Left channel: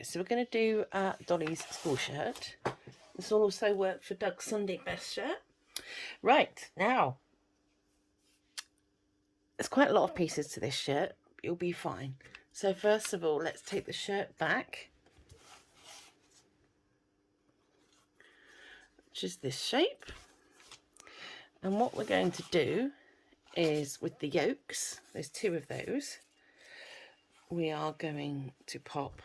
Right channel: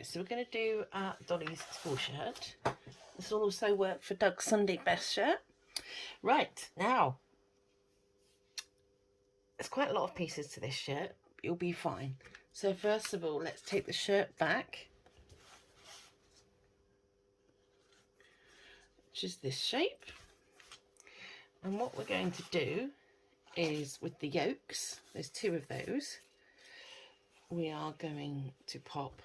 Right, so we're going to do Dolly's school shirt. This will also work for Doug's Sunday best shirt. Right, now, there's quite a lot of pieces to this shirt. You'll be fine. So first of all, let's take the shirt back, which is this shape. And what we're going to do is with the yokes, there's two of those, we are going to pop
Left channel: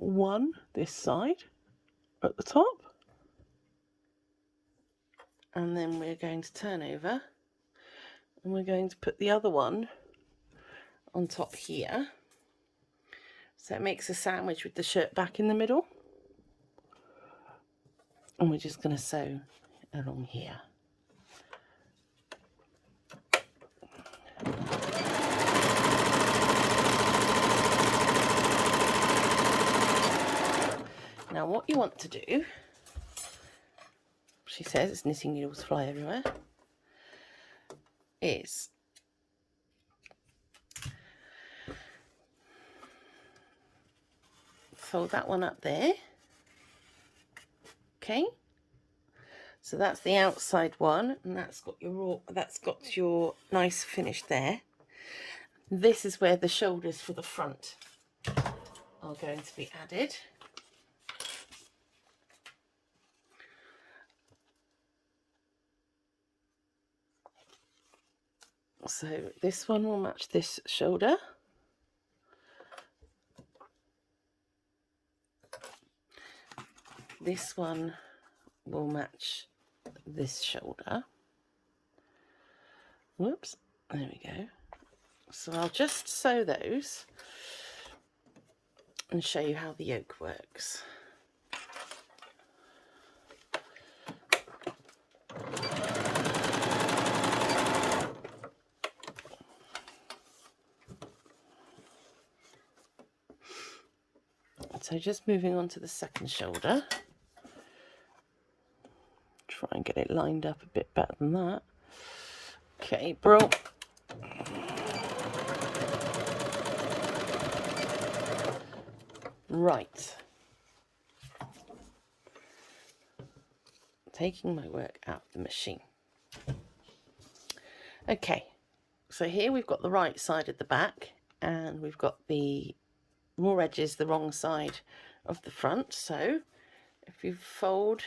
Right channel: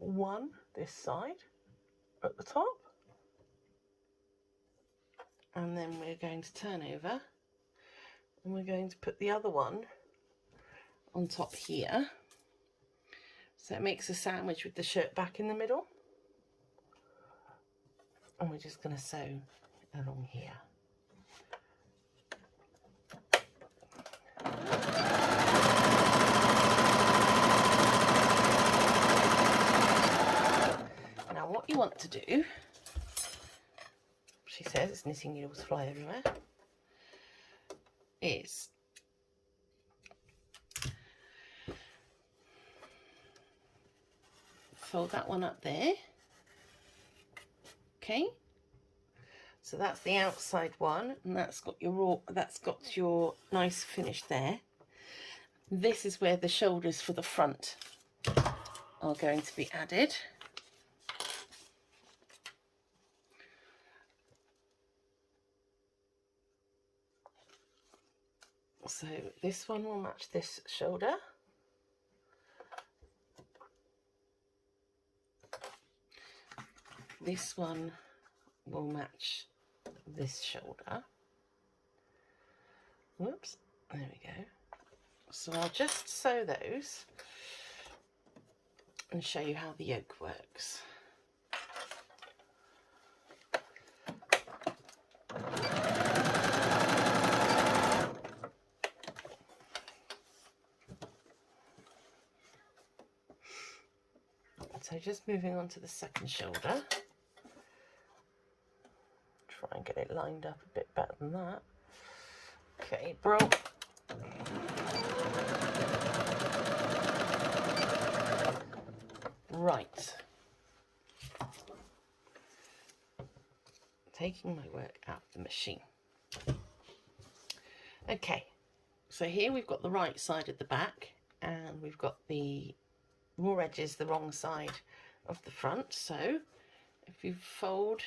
one this side at the top, and then we're going to turn over and we're going to put the other one on top here, so it makes a sandwich with the shirt back in the middle, and we're just going to sew along here. Now what you want to do, she says it's knitting needles fly everywhere, is fold that one up there. Okay, so that's the outside one, and that's got your nice finish there. This is where the shoulders for the front are going to be added. So this one will match this shoulder. This one will match this shoulder. Whoops, there we go. So I'll just sew those and show you how the yoke works. So just moving on to the second shoulder. Try and get it lined up a bit better than that. Okay, bro. Right. Taking my work out of the machine. Okay, so here we've got the right side of the back, and we've got the raw edges the wrong side of the front. So if you fold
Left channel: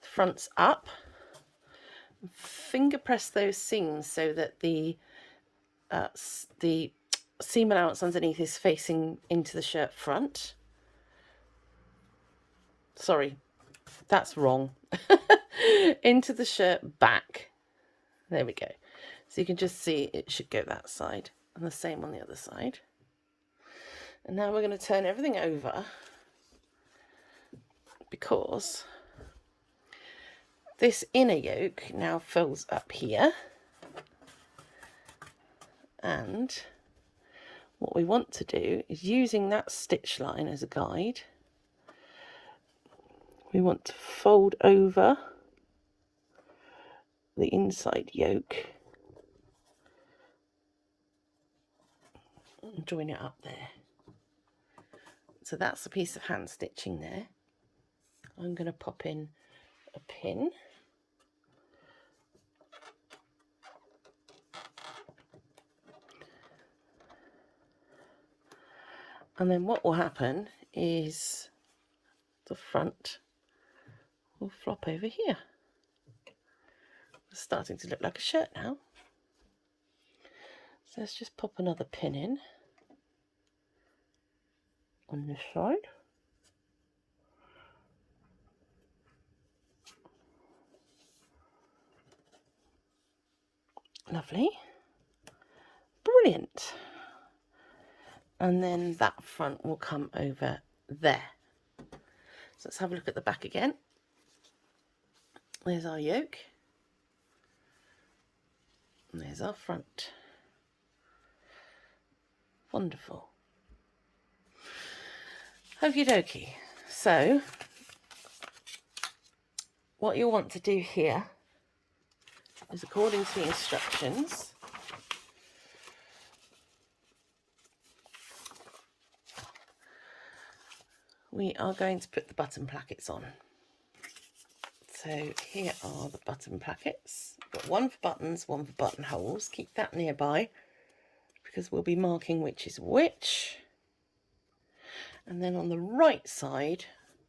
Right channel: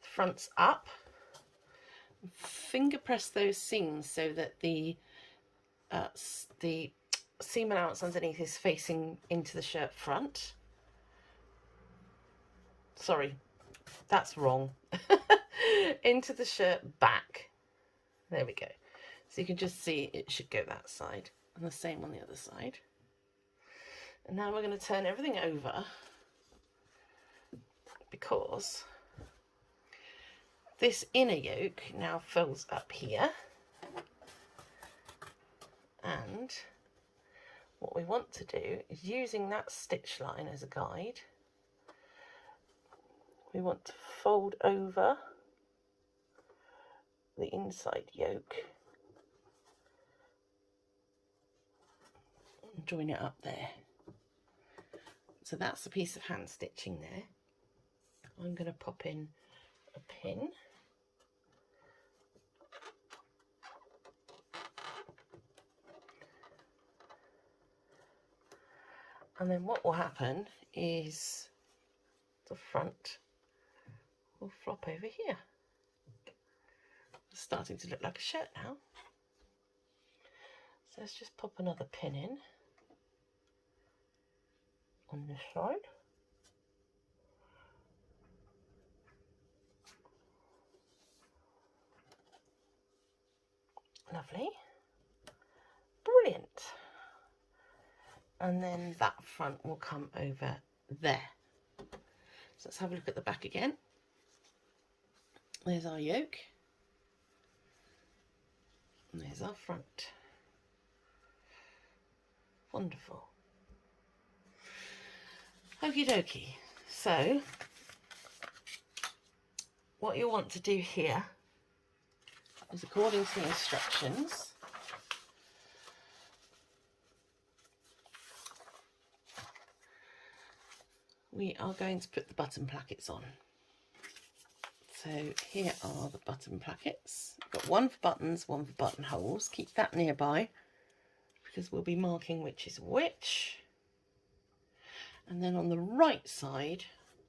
the fronts up, finger press those seams so that the seam allowance underneath is facing into the shirt front. Sorry, that's wrong. Into the shirt back. There we go. So you can just see it should go that side, and the same on the other side. And now we're going to turn everything over, because this inner yoke now fills up here, and what we want to do is, using that stitch line as a guide, we want to fold over the inside yoke and join it up there. So that's a piece of hand stitching there. I'm going to pop in a pin. And then what will happen is the front will flop over here. It's starting to look like a shirt now. So let's just pop another pin in on this side. Lovely. Brilliant. And then that front will come over there. So let's have a look at the back again. There's our yoke. And there's our front. Wonderful. Okie dokie. So what you want to do here is, according to the instructions, we are going to put the button plackets on. So here are the button plackets. Got one for buttons, one for buttonholes. Keep that nearby because we'll be marking which is which. And then on the right side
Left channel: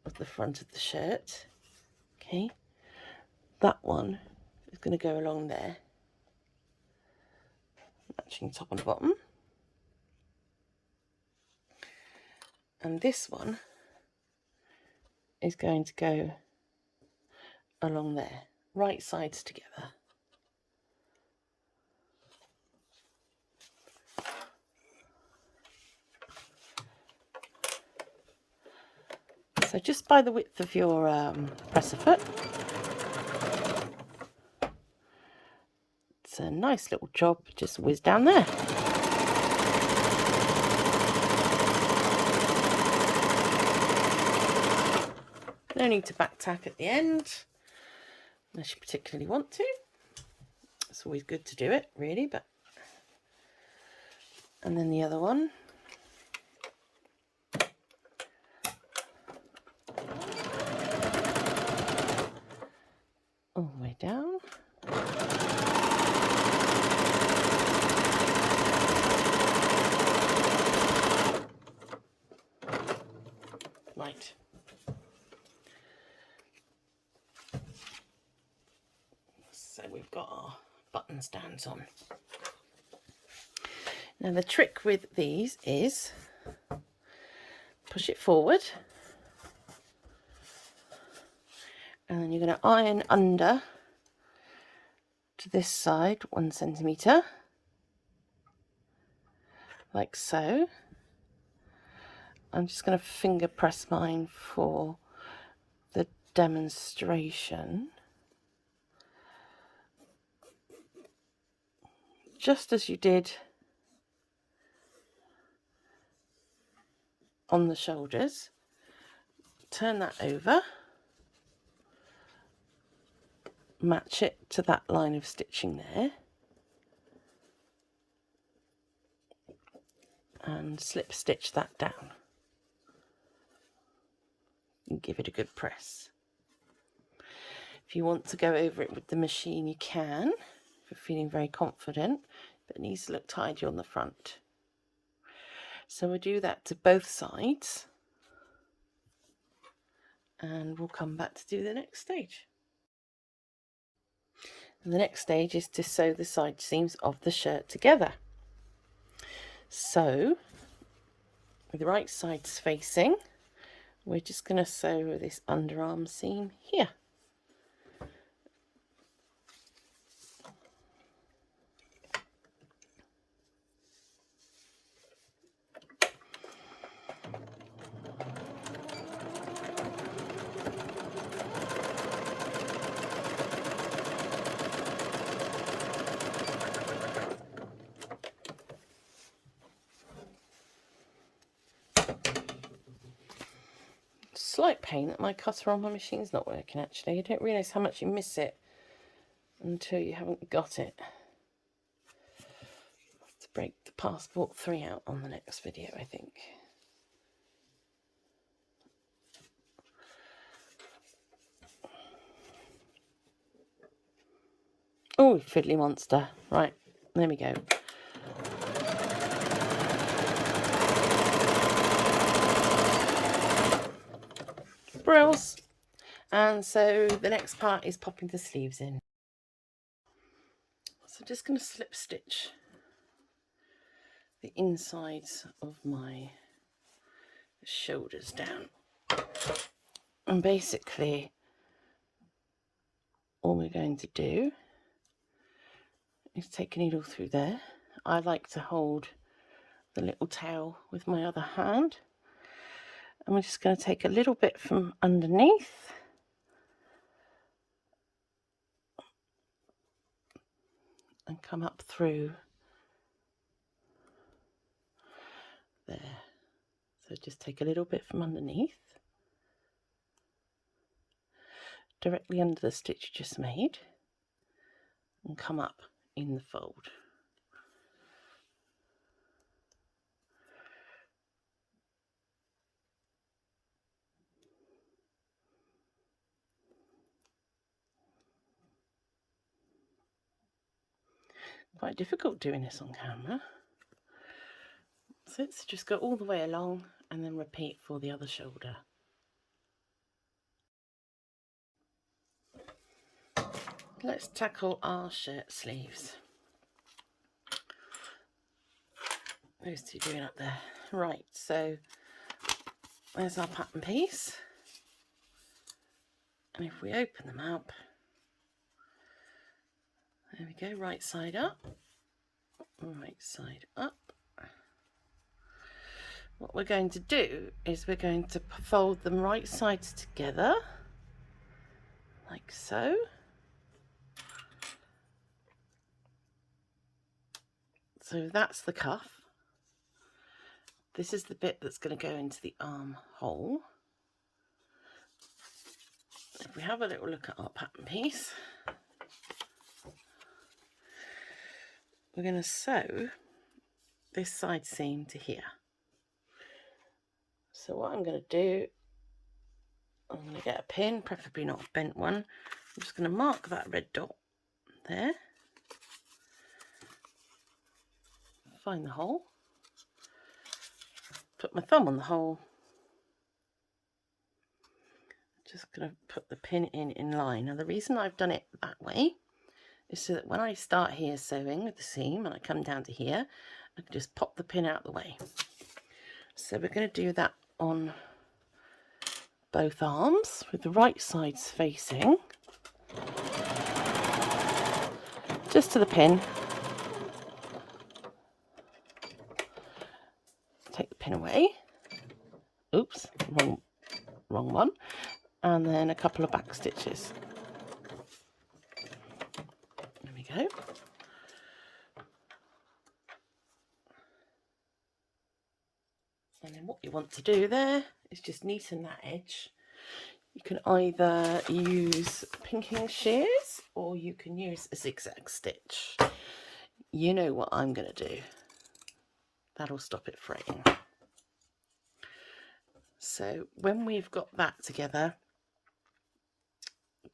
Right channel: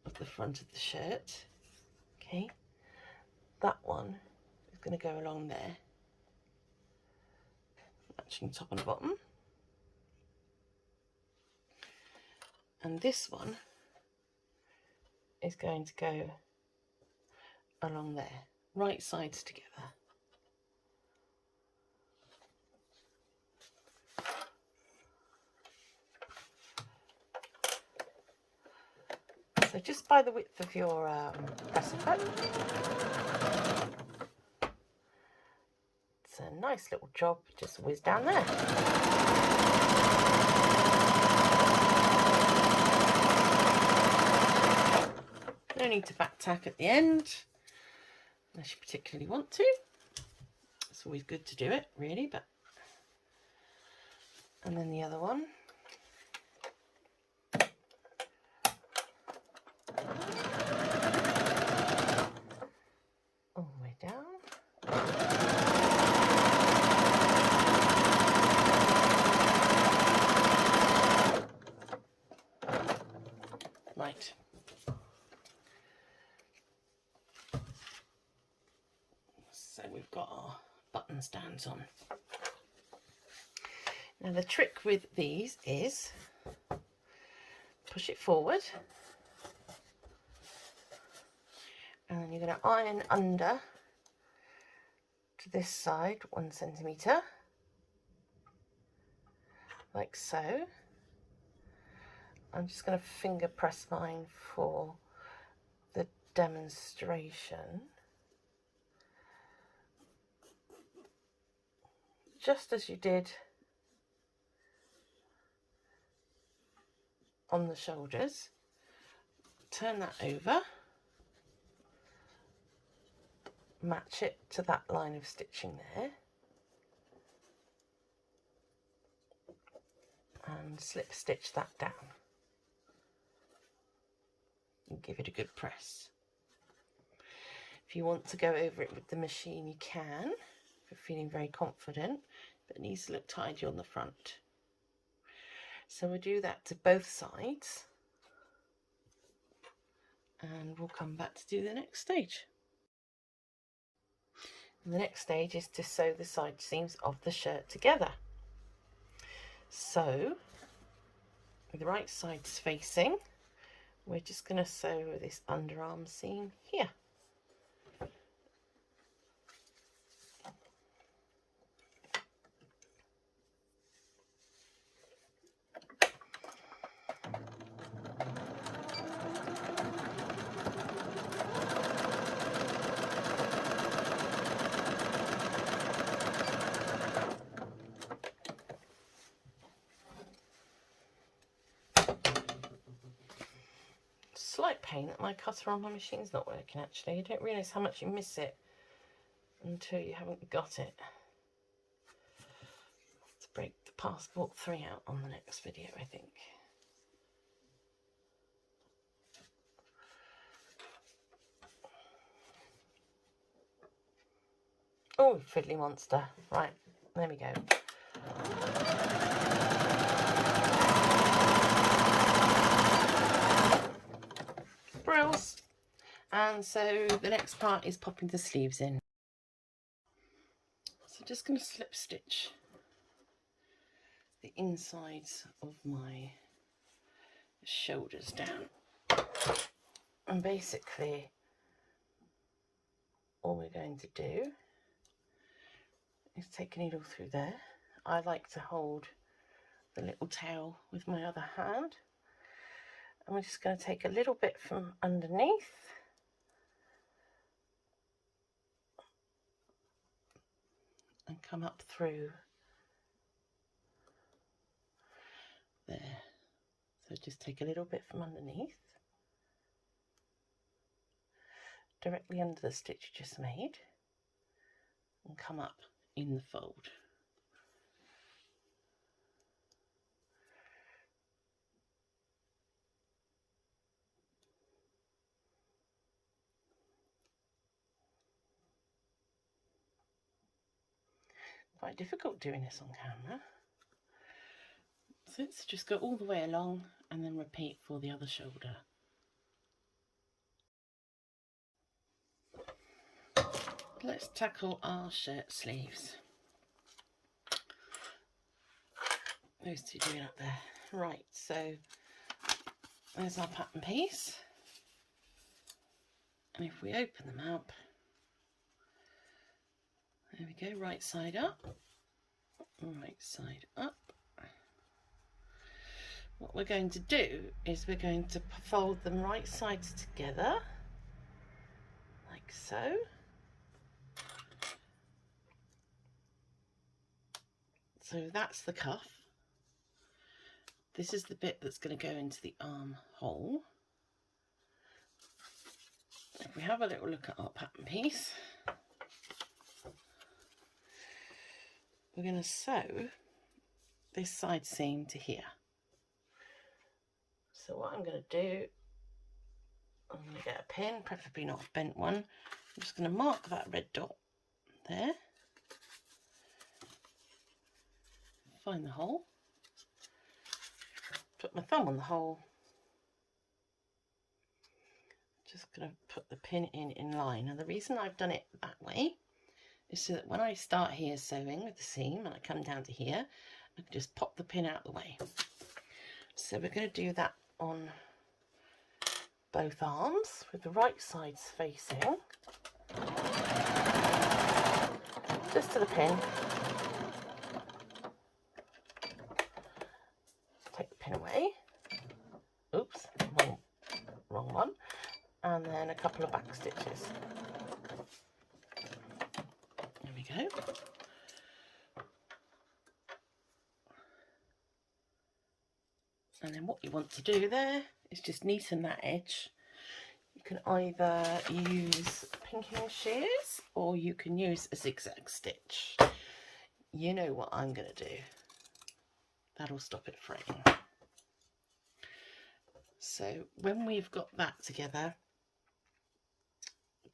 of the front of the shirt, okay, that one is going to go along there, matching top and bottom. And this one is going to go along there, right sides together. So just by the width of your presser foot, it's a nice little job, just whiz down there. No need to back tack at the end, unless you particularly want to. It's always good to do it, really, but... And then the other one. All the way down. Right. So we've got our button stands on. Now the trick with these is push it forward, and then you're going to iron under to this side 1 centimetre, like so. I'm just going to finger press mine for the demonstration. Just as you did on the shoulders, turn that over, match it to that line of stitching there, and slip stitch that down. And give it a good press. If you want to go over it with the machine, you can, if you're feeling very confident, but it needs to look tidy on the front. So we'll do that to both sides, and we'll come back to do the next stage. And the next stage is to sew the side seams of the shirt together. So, with the right sides facing, we're just going to sew this underarm seam here. Slight pain that my cutter on my machine's not working actually. You don't realise how much you miss it until you haven't got it. I'll have to break the passport 3 out on the next video, I think. Oh, fiddly monster. Right, there we go. Brills. And so the next part is popping the sleeves in. So I'm just going to slip stitch the insides of my shoulders down. And basically all we're going to do is take a needle through there. I like to hold the little tail with my other hand. And we're just going to take a little bit from underneath and come up through there. So just take a little bit from underneath, directly under the stitch you just made, and come up in the fold. quite difficult doing this on camera. So let's just go all the way along and then repeat for the other shoulder. Let's tackle our shirt sleeves. Those two doing up there. Right, so there's our pattern piece. And if we open them up, there we go, right side up, right side up. What we're going to do is we're going to fold them right sides together, like so. So that's the cuff. This is the bit that's going to go into the armhole. If we have a little look at our pattern piece, we're going to sew this side seam to here. So what I'm going to do, I'm going to get a pin, preferably not a bent one. I'm just going to mark that red dot there. Find the hole. Put my thumb on the hole. Just going to put the pin in line. Now the reason I've done it that way is so that when I start here sewing with the seam and I come down to here, I can just pop the pin out the way. So we're going to do that on both arms with the right sides facing. Just to the pin. Take the pin away. Oops, wrong one. And then a couple of back stitches. There we go. And then what you want to do there is just neaten that edge. You can either use pinking shears or you can use a zigzag stitch. You know what I'm going to do. That'll stop it fraying. So when we've got that together,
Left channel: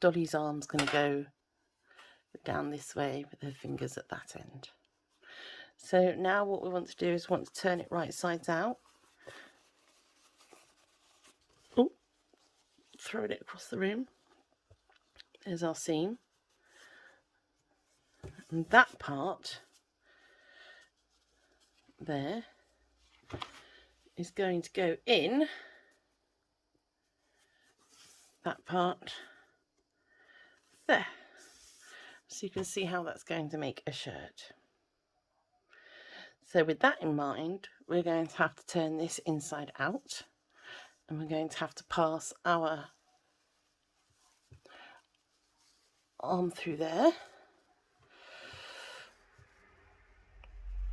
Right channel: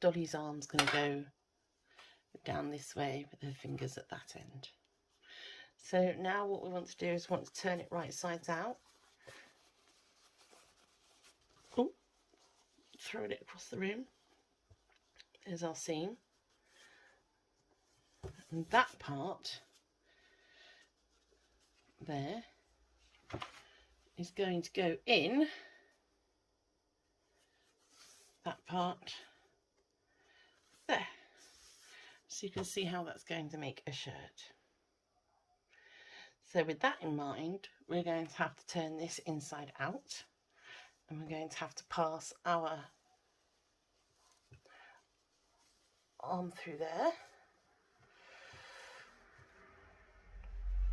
Dolly's arm's going to go down this way with her fingers at that end. So now what we want to do is want to turn it right sides out. Oh, throwing it across the room. There's our seam. And that part there is going to go in that part there. So you can see how that's going to make a shirt. So with that in mind, we're going to have to turn this inside out and we're going to have to pass our arm through there.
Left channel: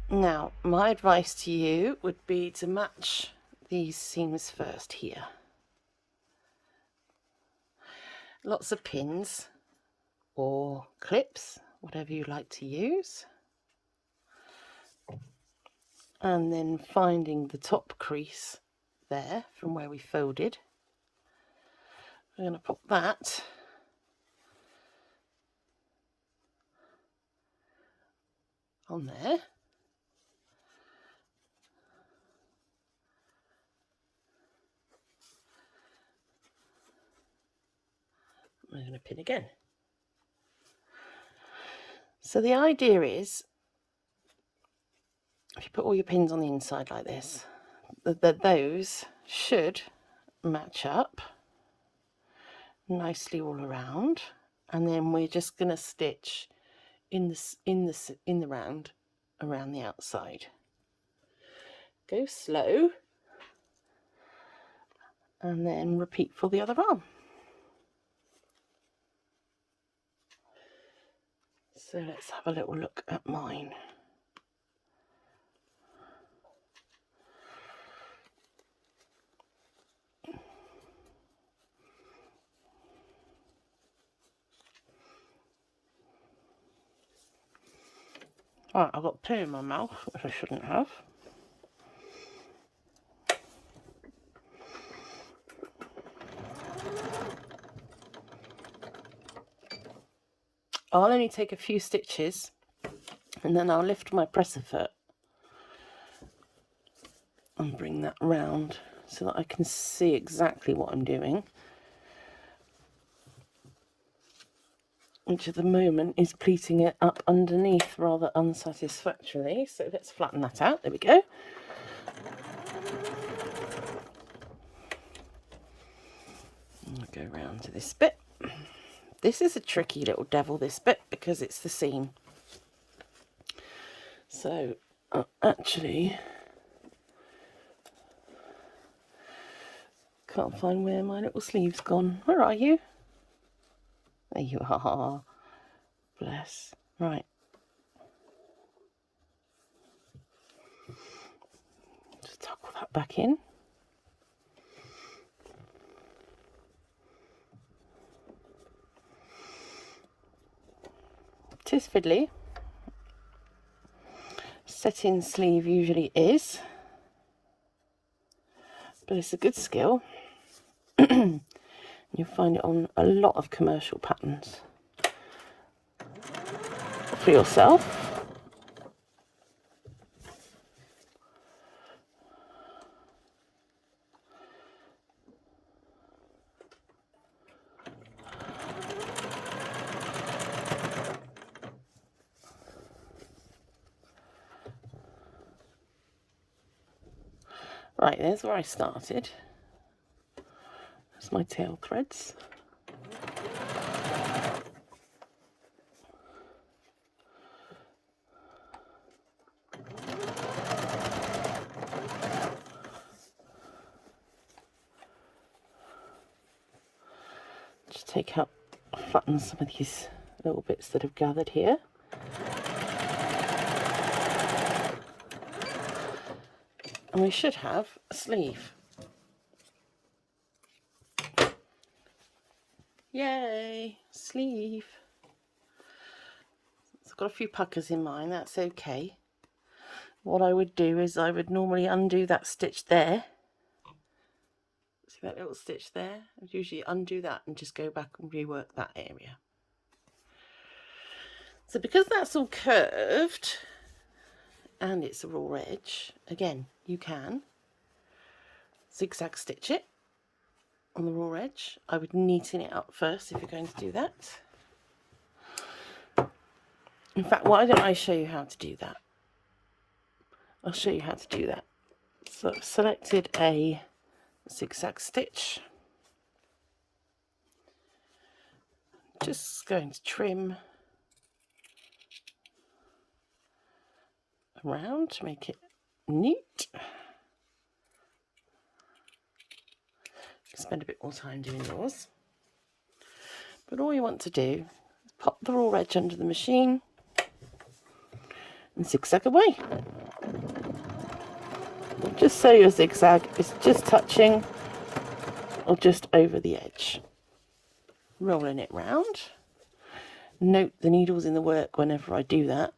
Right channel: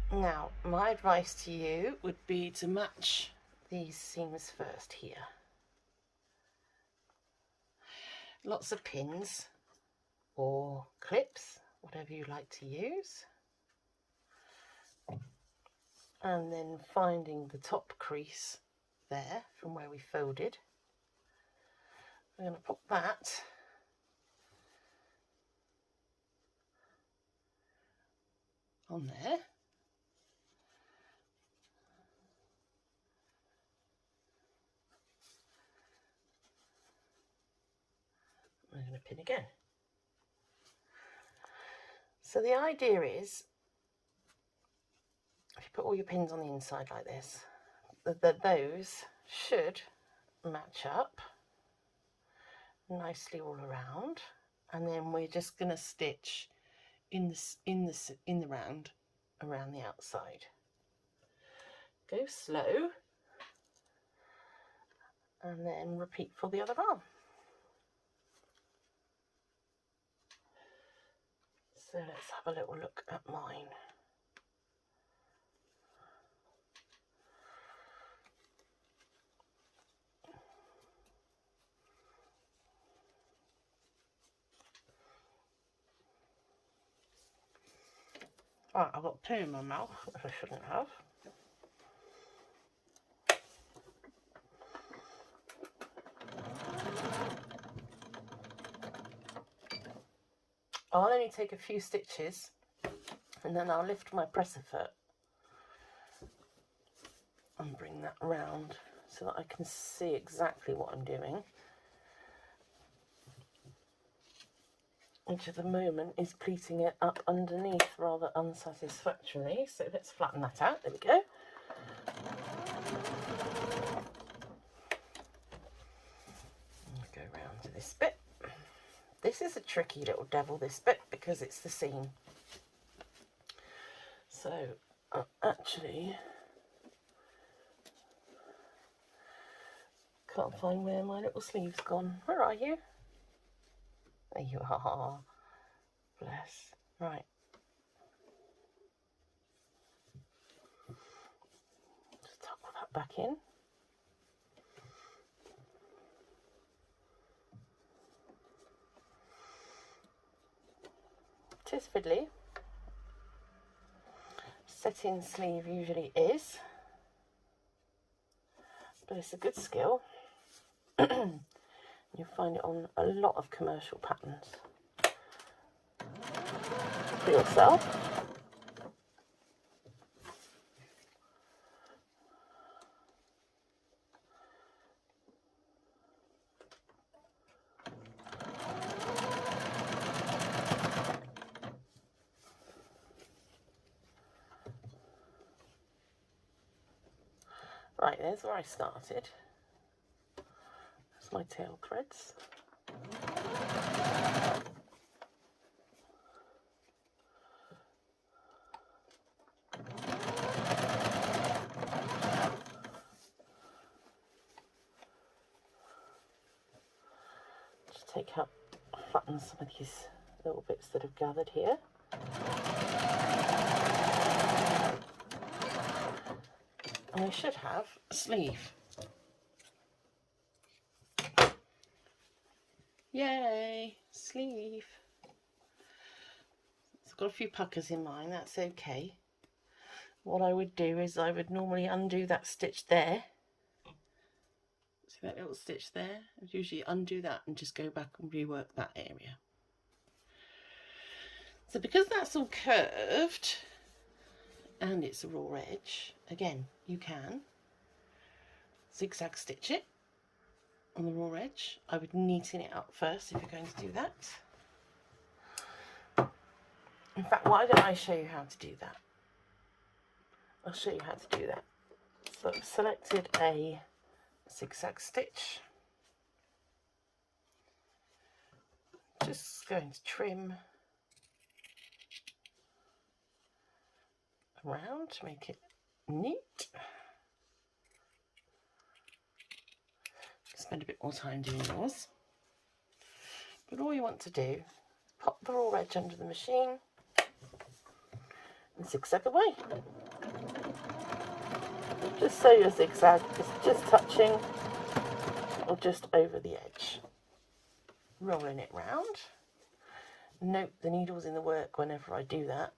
Now, my advice to you would be to match these seams first here. Lots of pins or clips, whatever you like to use. And then finding the top crease there from where we folded. We're going to put that on there. We're going to pin again. So the idea is, if you put all your pins on the inside like this, that those should match up nicely all around, and then we're just going to stitch in the round around the outside. Go slow, and then repeat for the other arm. So let's have a little look at mine. Right, I've got poo in my mouth, which I shouldn't have. I'll only take a few stitches And then I'll lift my presser foot and bring that round so that I can see exactly what I'm doing, which at the moment is pleating it up underneath rather unsatisfactorily. So let's flatten that out. There we go. I'll go round to this bit. This is a tricky little devil, this bit, because it's the seam. So actually can't find where my little sleeve's gone. Where are you? There you are. Bless. Right. Just tuck that back in. It is fiddly. Setting sleeve usually is, but it's a good skill. You'll find it on a lot of commercial patterns for yourself. Right, there's where I started. That's my tail threads. Just take out, flatten some of these little bits that have gathered here. And we should have a sleeve. Yay, sleeve. It's got a few puckers in mine, that's okay. What I would do is I would normally undo that stitch there. See that little stitch there? I'd usually undo that and just go back and rework that area. So because that's all curved and it's a raw edge, again, you can zigzag stitch it on the raw edge. I would neaten it up first if you're going to do that. In fact, why don't I show you how to do that? I'll show you how to do that. So I've selected a zigzag stitch. Just going to trim around to make it neat. Spend a bit more time doing yours. But all you want to do is pop the raw edge under the machine and zigzag away. Just so your zigzag is just touching or just over the edge. Rolling it round. Note the needle's in the work whenever I do that.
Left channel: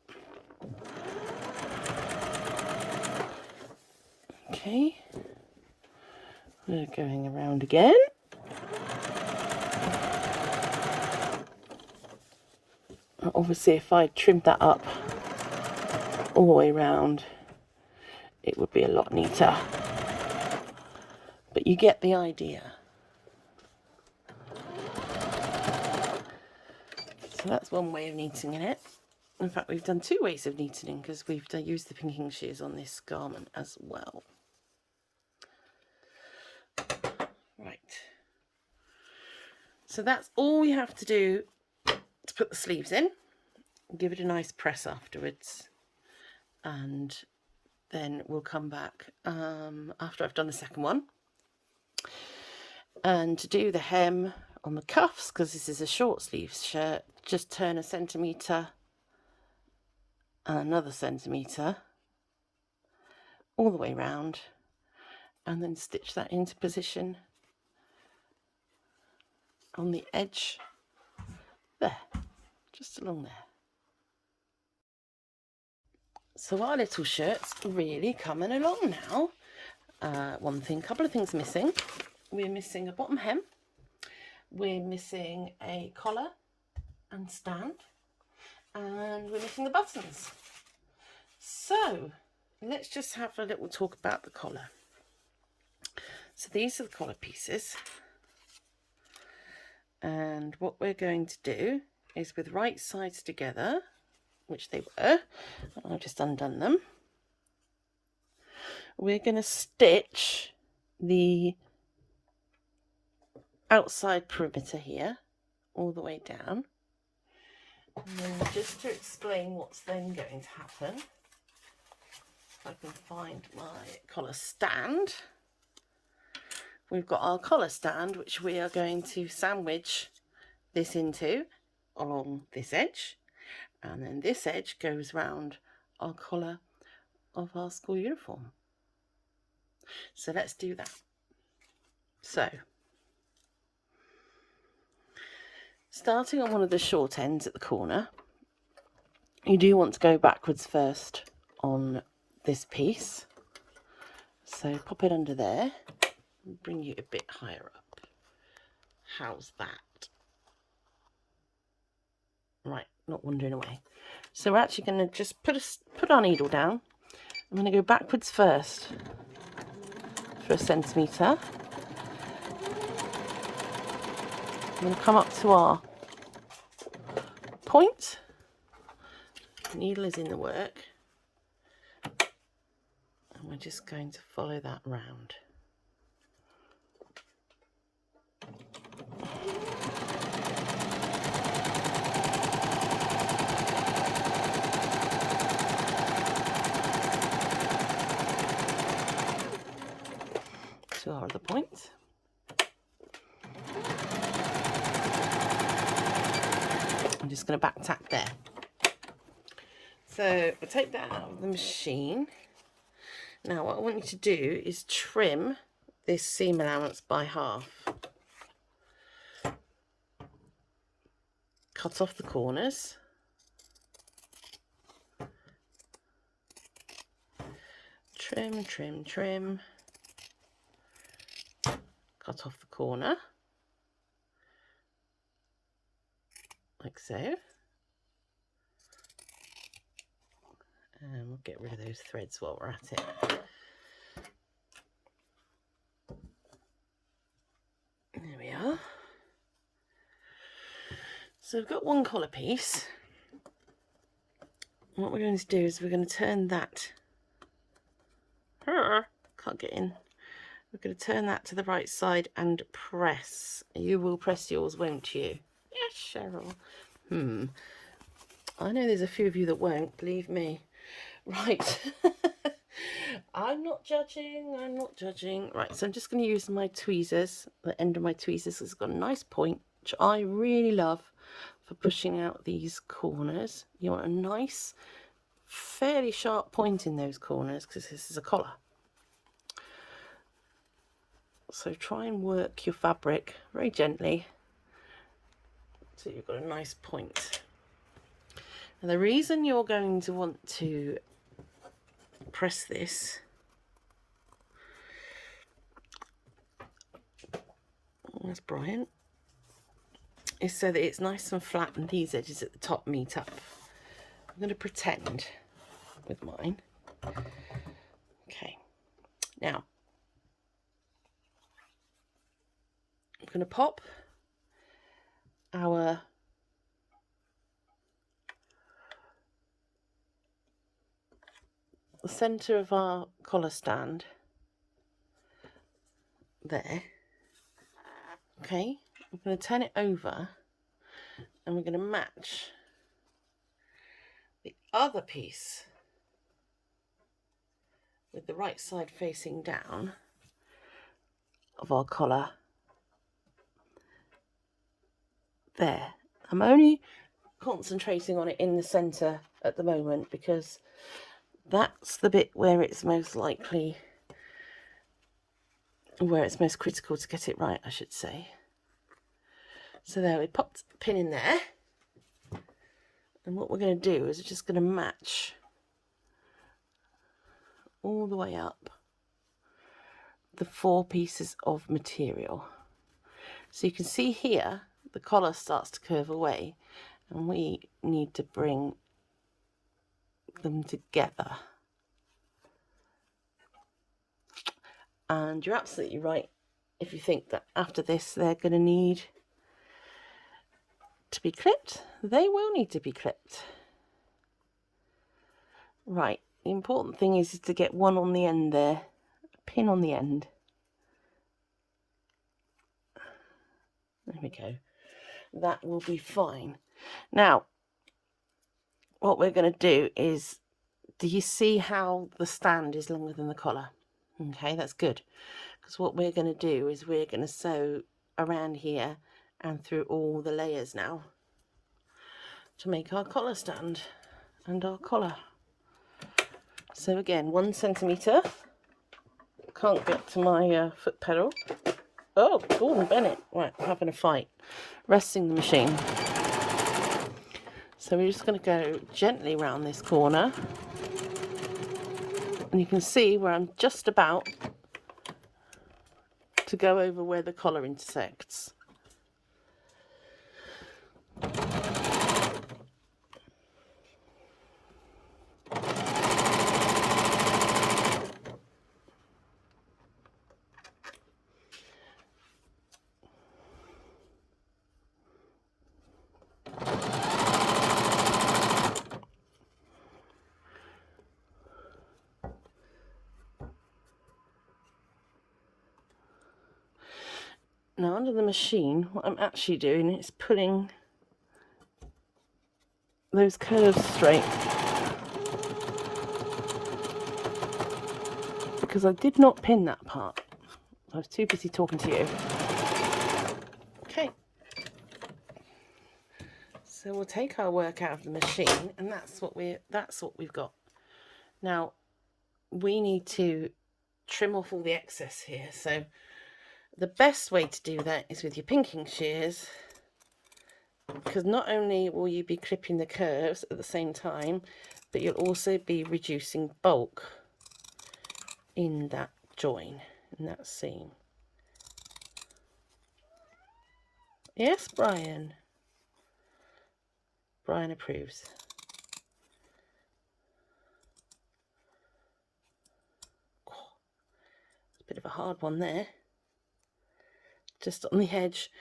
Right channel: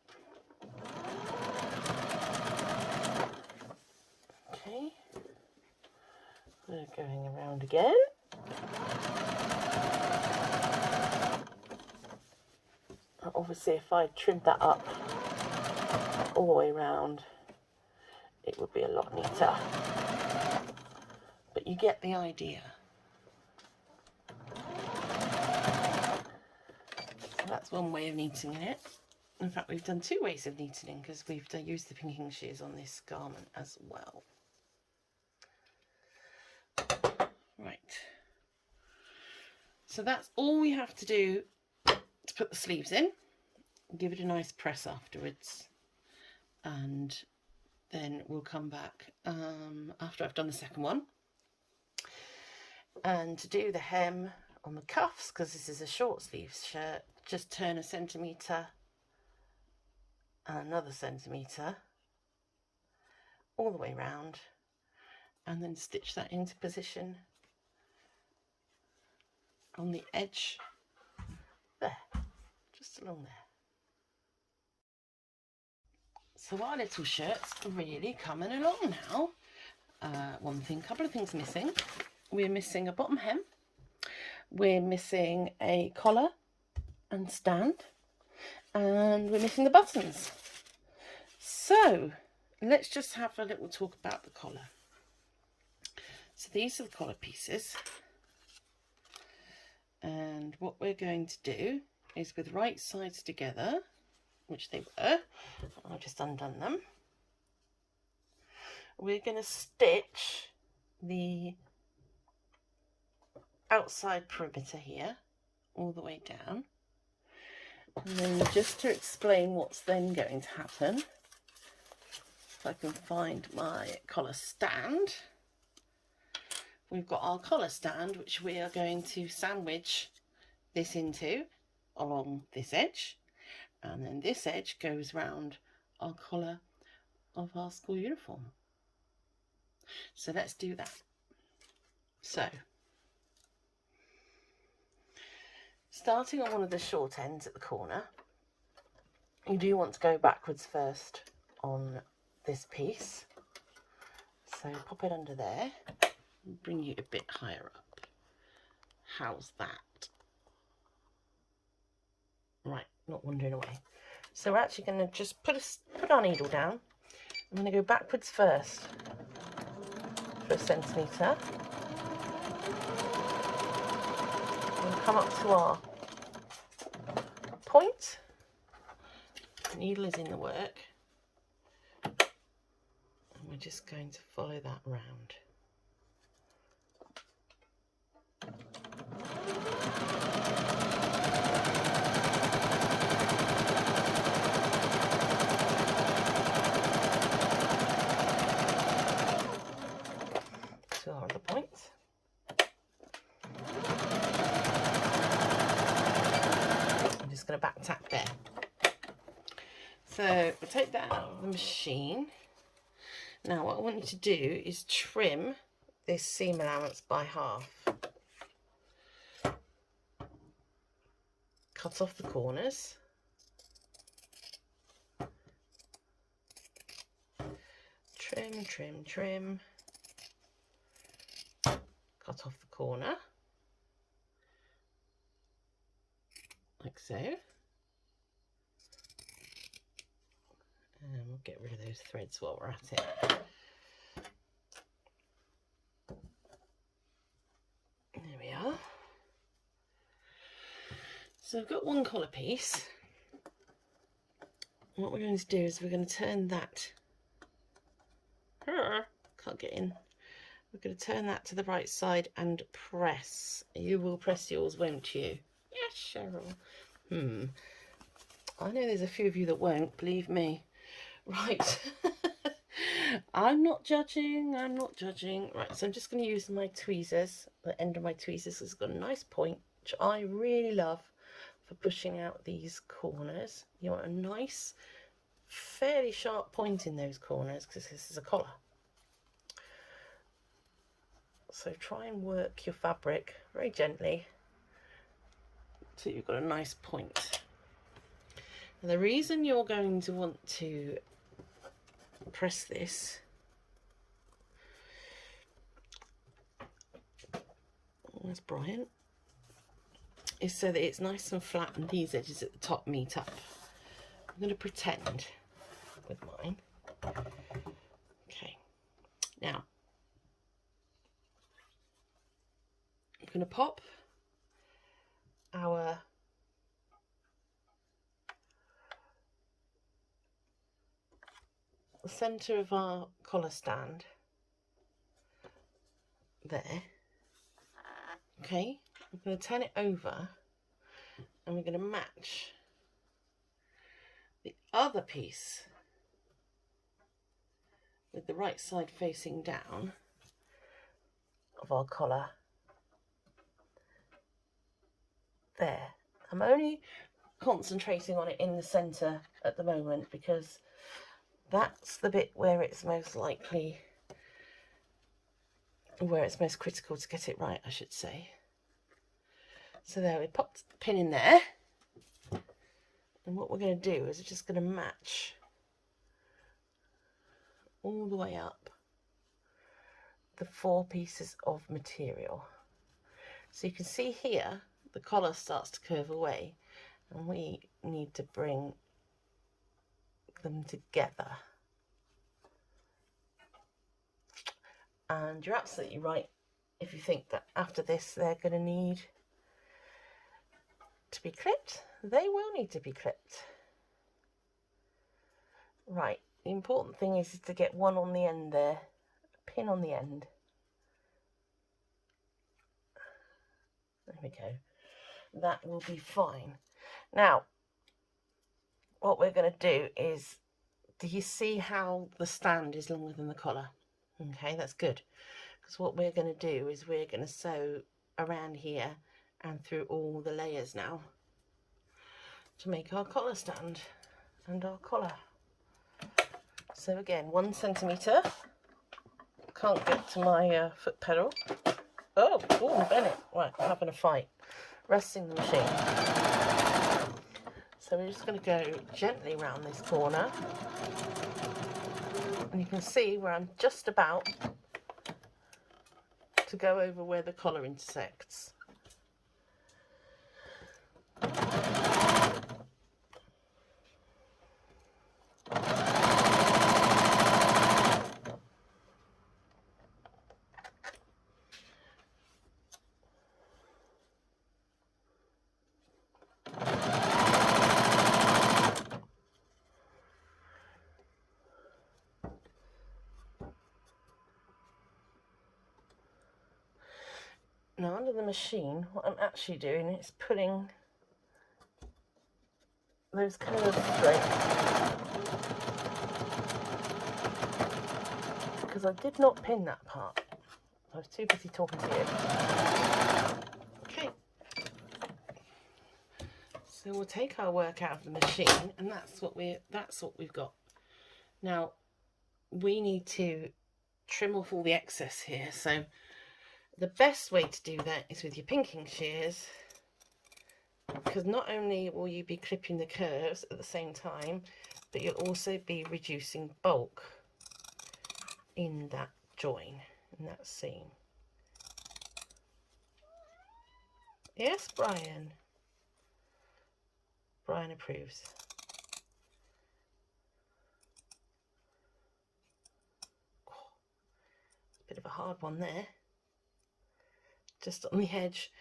Okay. We're going around again. Obviously, if I trimmed that up all the way around, it would be a lot neater. But you get the idea. So that's one way of neatening it. In fact, we've done two ways of neatening because we've used the pinking shears on this garment as well. Right. So that's all we have to do to put the sleeves in. Give it a nice press afterwards. And then we'll come back after I've done the second one. And to do the hem on the cuffs, because this is a short sleeves shirt, just turn 1 centimetre and another centimetre all the way round, and then stitch that into position on the edge there, just along there. So our little shirt's really coming along now. Couple of things missing. We're missing a bottom hem, we're missing a collar and stand, and we're missing the buttons. So let's just have a little talk about the collar. So these are the collar pieces, and what we're going to do is, with right sides together, which they were, I've just undone them, we're going to stitch the outside perimeter here all the way down. And then, just to explain what's then going to happen, if I can find my collar stand, we've got our collar stand, which we are going to sandwich this into along this edge, and then this edge goes round our collar of our school uniform. So let's do that. So, starting on one of the short ends at the corner, you do want to go backwards first on this piece. So pop it under there and bring you a bit higher up. How's that? Right, not wandering away. So we're actually going to just put our needle down. I'm going to go backwards first for 1 centimetre. And come up to our point. The needle is in the work. And we're just going to follow that round. To our other points. I'm just going to back tack there. So we'll take that out of the machine. Now what I want you to do is trim this seam allowance by half. Cut off the corners. Trim, trim, trim. Cut off the corner. Like so. And we'll get rid of those threads while we're at it. There we are. So we've got one collar piece. What we're going to do is we're going to turn that. Can't get in. We're going to turn that to the right side and press. You will press yours, won't you? Yes, Cheryl. I know there's a few of you that won't, believe me. Right. I'm not judging. Right, so I'm just going to use my tweezers. The end of my tweezers has got a nice point, which I really love for pushing out these corners. You want a nice, fairly sharp point in those corners because this is a collar. So try and work your fabric very gently so you've got a nice point. And the reason you're going to want to press this, that's Brian, is so that it's nice and flat and these edges at the top meet up. I'm going to pretend with mine. Okay, now I'm going to pop our the centre of our collar stand there. Okay, I'm going to turn it over and we're going to match the other piece with the right side facing down of our collar there. I'm only concentrating on it in the centre at the moment because that's the bit where it's most likely, where it's most critical to get it right, I should say. So there, we popped the pin in there, and what we're going to do is we're just going to match all the way up the 4 pieces of material. So you can see here the collar starts to curve away, and we need to bring them together. And you're absolutely right if you think that after this they're going to need to be clipped. They will need to be clipped. Right, the important thing is to get one on the end there, a pin on the end. There we go. That will be fine. Now, what we're going to do is, do you see how the stand is longer than the collar? Okay, that's good. Because what we're going to do is we're going to sew around here and through all the layers now to make our collar stand and our collar. So again, 1 centimetre. Can't get to my foot pedal. Oh, Gordon Bennett. Right, having a fight. Resting the machine. So we're just going to go gently around this corner. And you can see where I'm just about to go over where the collar intersects. Now under the machine, what I'm actually doing is pulling those curves straight, because I did not pin that part. I was too busy talking to you. Okay. So we'll take our work out of the machine, and that's what we've got. Now we need to trim off all the excess here. So the best way to do that is with your pinking shears, because not only will you be clipping the curves at the same time, but you'll also be reducing bulk in that join, in that seam. Yes, Brian. Brian approves. It's a bit of a hard one there. Just on the edge.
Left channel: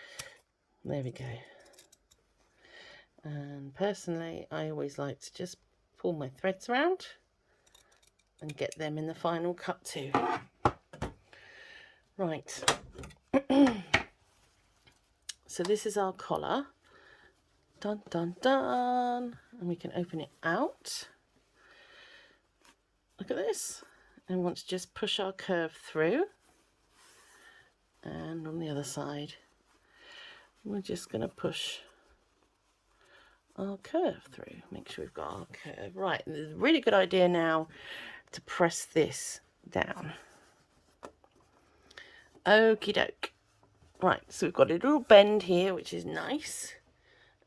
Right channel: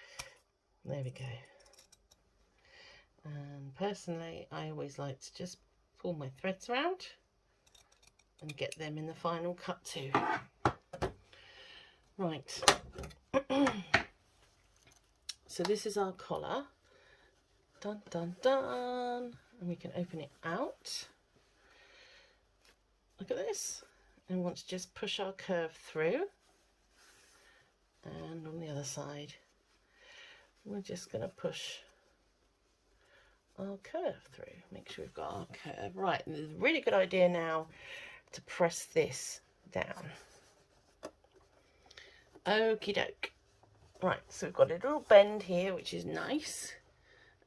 There we go. And personally, I always like to just pull my threads around and get them in the final cut too. Right. So this is our collar. Dun dun dun. And we can open it out. Look at this. And we want to just push our curve through. And on the other side, we're just going to push our curve through. Make sure we've got our curve. Right, and there's a really good idea now to press this down. Okie doke. Right, so we've got a little bend here, which is nice.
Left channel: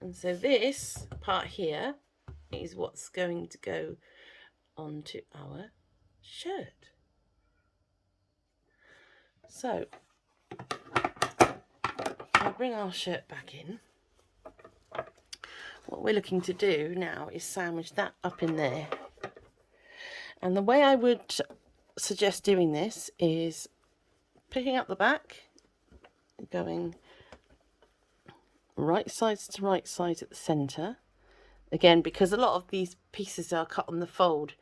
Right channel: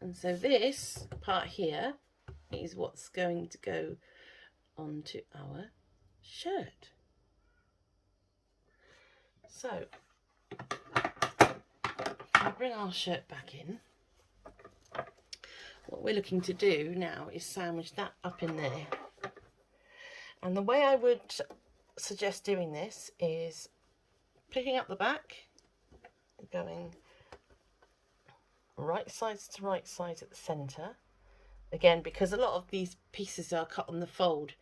And so this part here is what's going to go onto our shirt. So I'll bring our shirt back in. What we're looking to do now is sandwich that up in there. And the way I would suggest doing this is picking up the back, going right sides to right sides at the centre. Again, because a lot of these pieces are cut on the fold,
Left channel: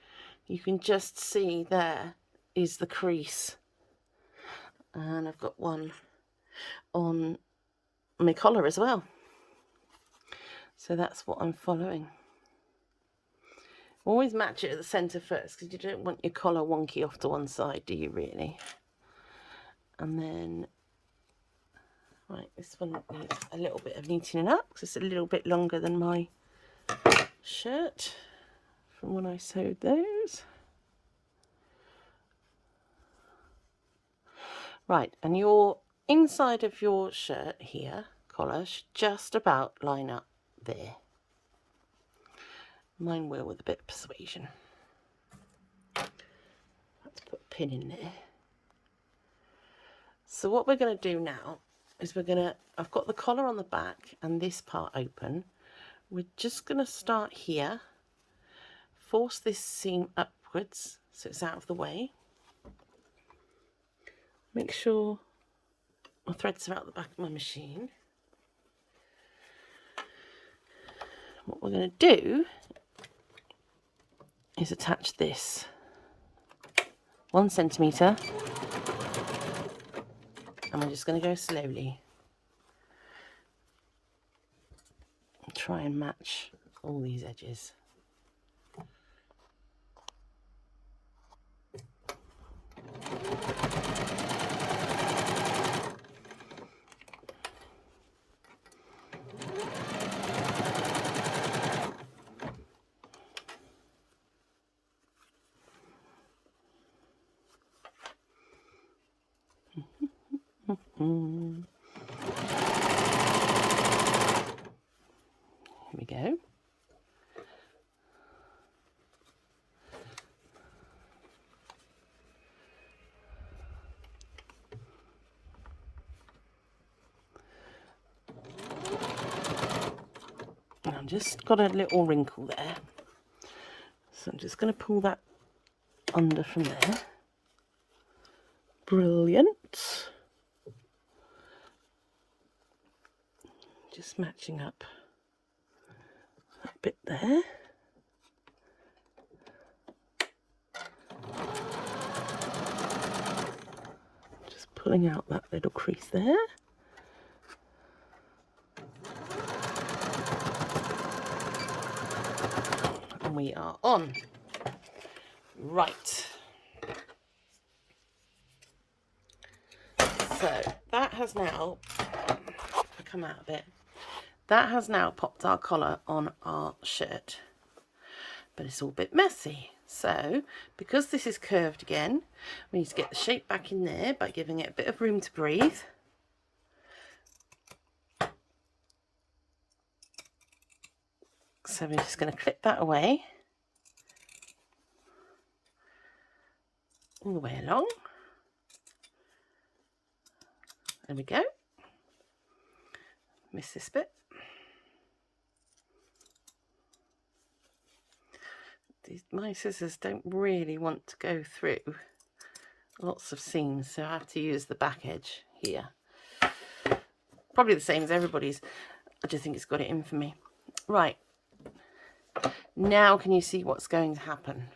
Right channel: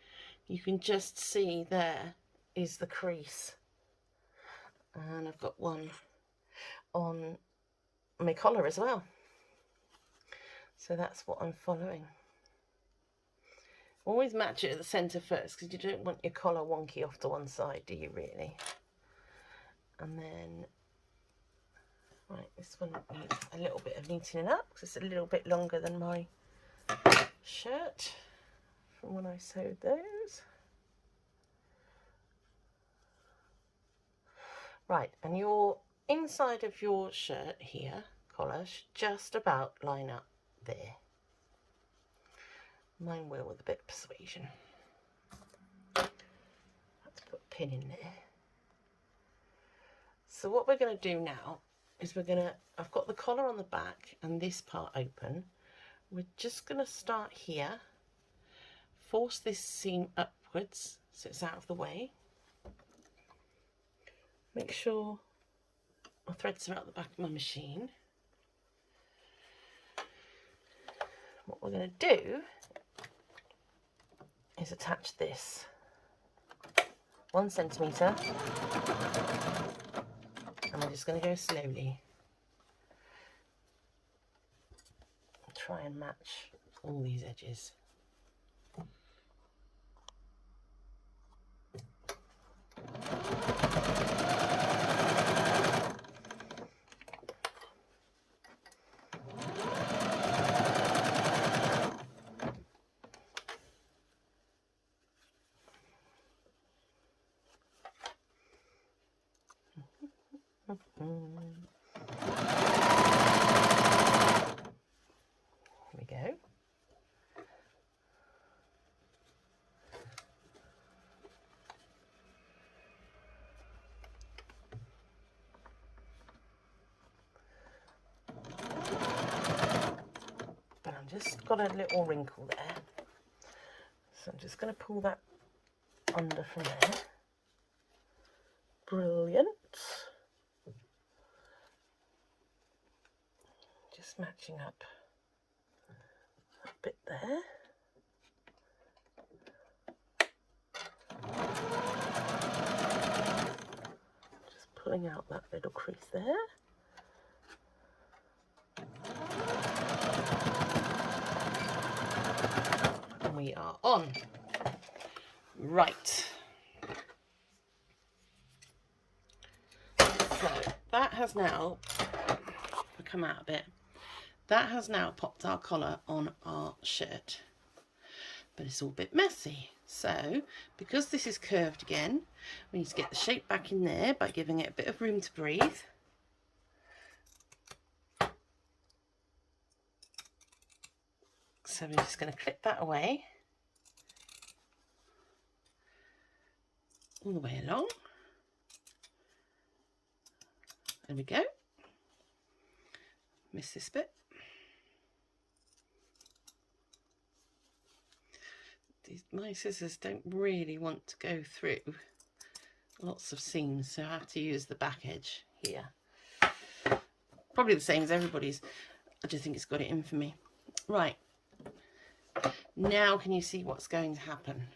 you can just see there is the crease. And I've got one on my collar as well. So that's what I'm following. Always match it at the centre first, because you don't want your collar wonky off to one side, do you really? And then, right, this one needs a little bit of neatening up, because it's a little bit longer than my shirt from when I sewed those. Right, and your inside of your shirt here, collar, should just about line up there. Mine will with a bit of persuasion. Let's put a pin in there. So what we're going to do now is I've got the collar on the back and this part open. We're just going to start here, force this seam upwards so it's out of the way. Make sure my threads are out the back of my machine. What we're going to do is attach this 1 centimetre. I'm just going to go slowly. Try and match all these edges. Here we go. I've just got a little wrinkle there, so I'm just going to pull that under from there. Brilliant. Just matching up that bit there. Just pulling out that little crease there. And we are on. Right. So that has now, if I come out a bit, that has now popped our collar on our shirt, but it's all a bit messy. So because this is curved again, we need to get the shape back in there by giving it a bit of room to breathe. So we're just going to clip that away all the way along. There we go. Miss this bit. My scissors don't really want to go through lots of seams, so I have to use the back edge here. Probably the same as everybody's. I just think it's got it in for me. Right. Now can you see what's going to happen?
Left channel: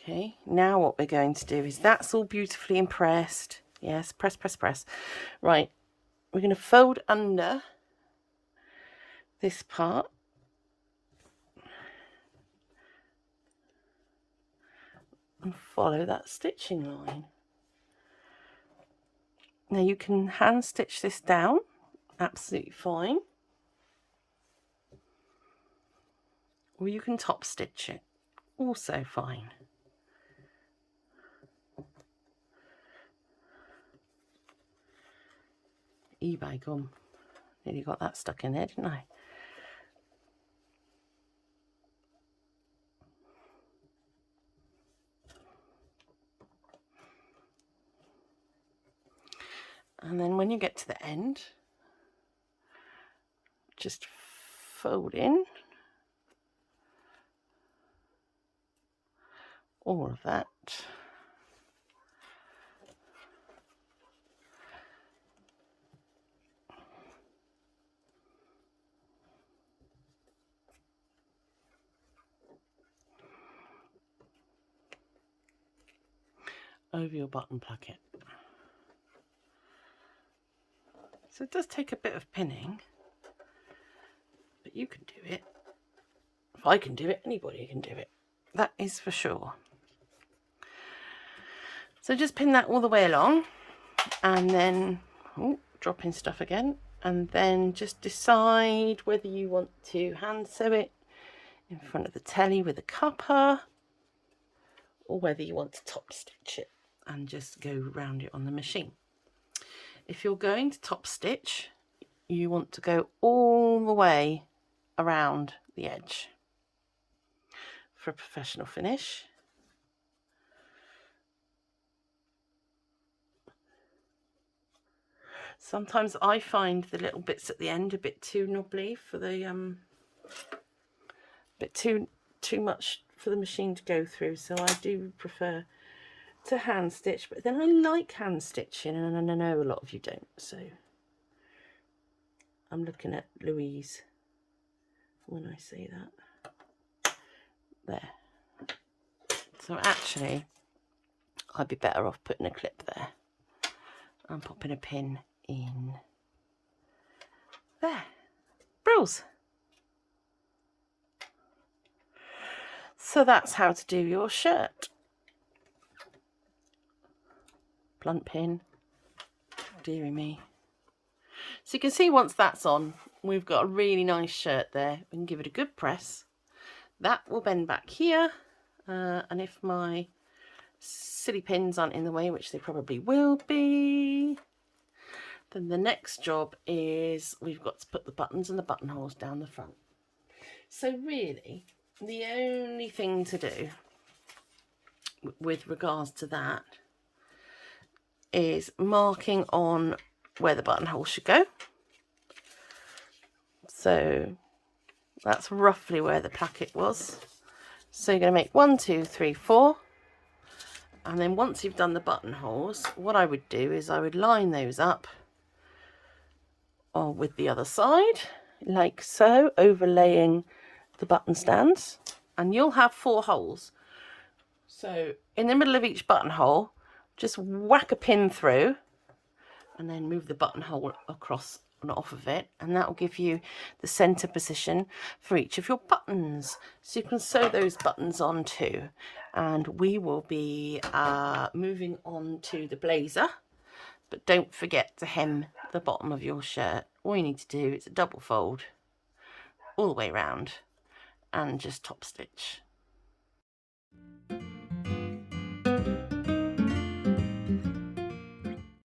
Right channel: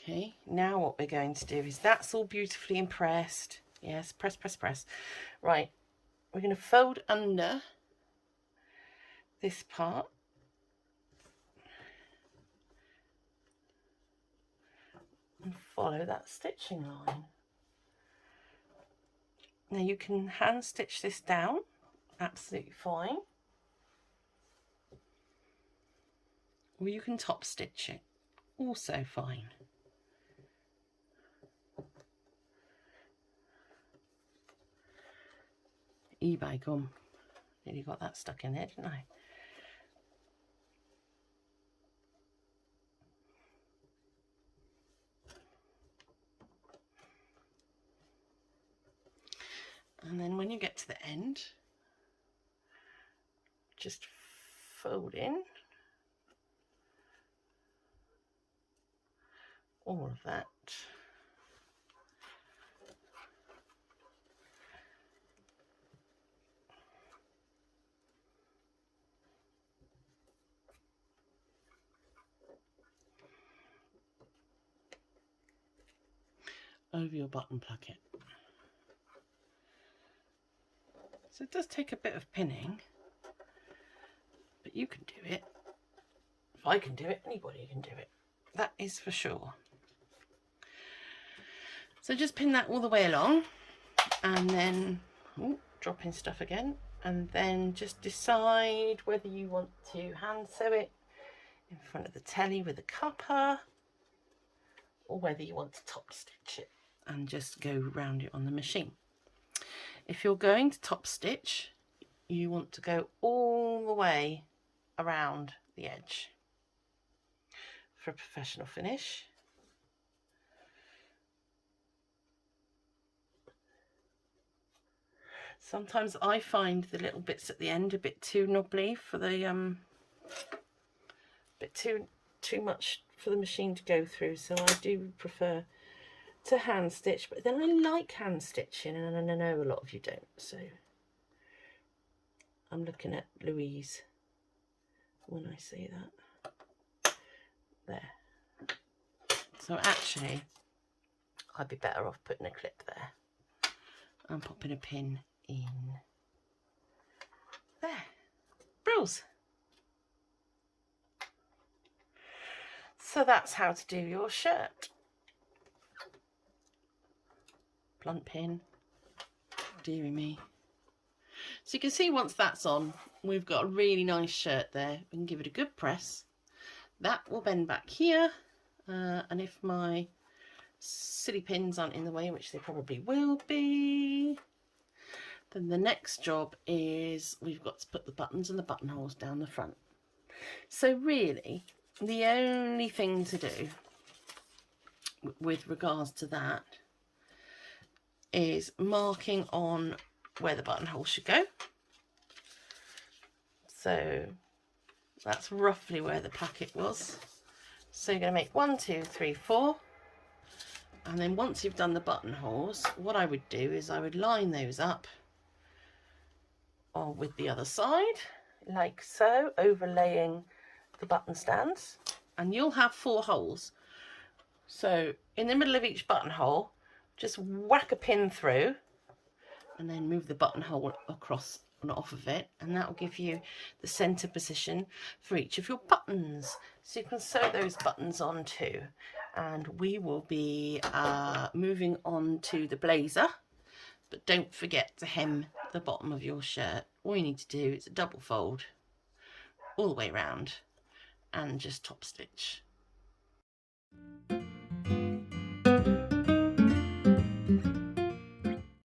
Okay, now what we're going to do is that's all beautifully impressed. Yes, press, press, press. Right, we're going to fold under this part. And follow that stitching line. Now you can hand stitch this down, absolutely fine. Or you can top stitch it, also fine. eBay gum. Nearly got that stuck in there, didn't I? And then when you get to the end, just fold in all of that. Over your bottom placket. So it does take a bit of pinning, but you can do it. If I can do it, anybody can do it. That is for sure. So just pin that all the way along, and then dropping stuff again, and then just decide whether you want to hand sew it in front of the telly with a cupper, or whether you want to top stitch it and just go round it on the machine. If you're going to top stitch, you want to go all the way around the edge for a professional finish. Sometimes I find the little bits at the end a bit too knobbly for the bit too too much for the machine to go through, so I do prefer to hand stitch. But then I like hand stitching, and I know a lot of you don't, so I'm looking at Louise when I say that. There. So actually I'd be better off putting a clip there and popping a pin in there. Brills. So that's how to do your shirt. Blunt pin, dearie me. So you can see once that's on, we've got a really nice shirt there. We can give it a good press. That will bend back here, and if my silly pins aren't in the way, which they probably will be, then the next job is we've got to put the buttons and the buttonholes down the front. So really, the only thing to do with regards to that is marking on where the buttonhole should go. So that's roughly where the packet was. So you're going to make 1, 2, 3, 4. And then once you've done the buttonholes, what I would do is I would line those up with the other side, like so, overlaying the button stands. And you'll have 4 holes. So in the middle of each buttonhole, just whack a pin through and then move the buttonhole across and off of it, and that will give you the center position for each of your buttons. So you can sew those buttons on too. And we will be moving on to the blazer, but don't forget to hem the bottom of your shirt. All you need to do is a double fold all the way around and just top stitch.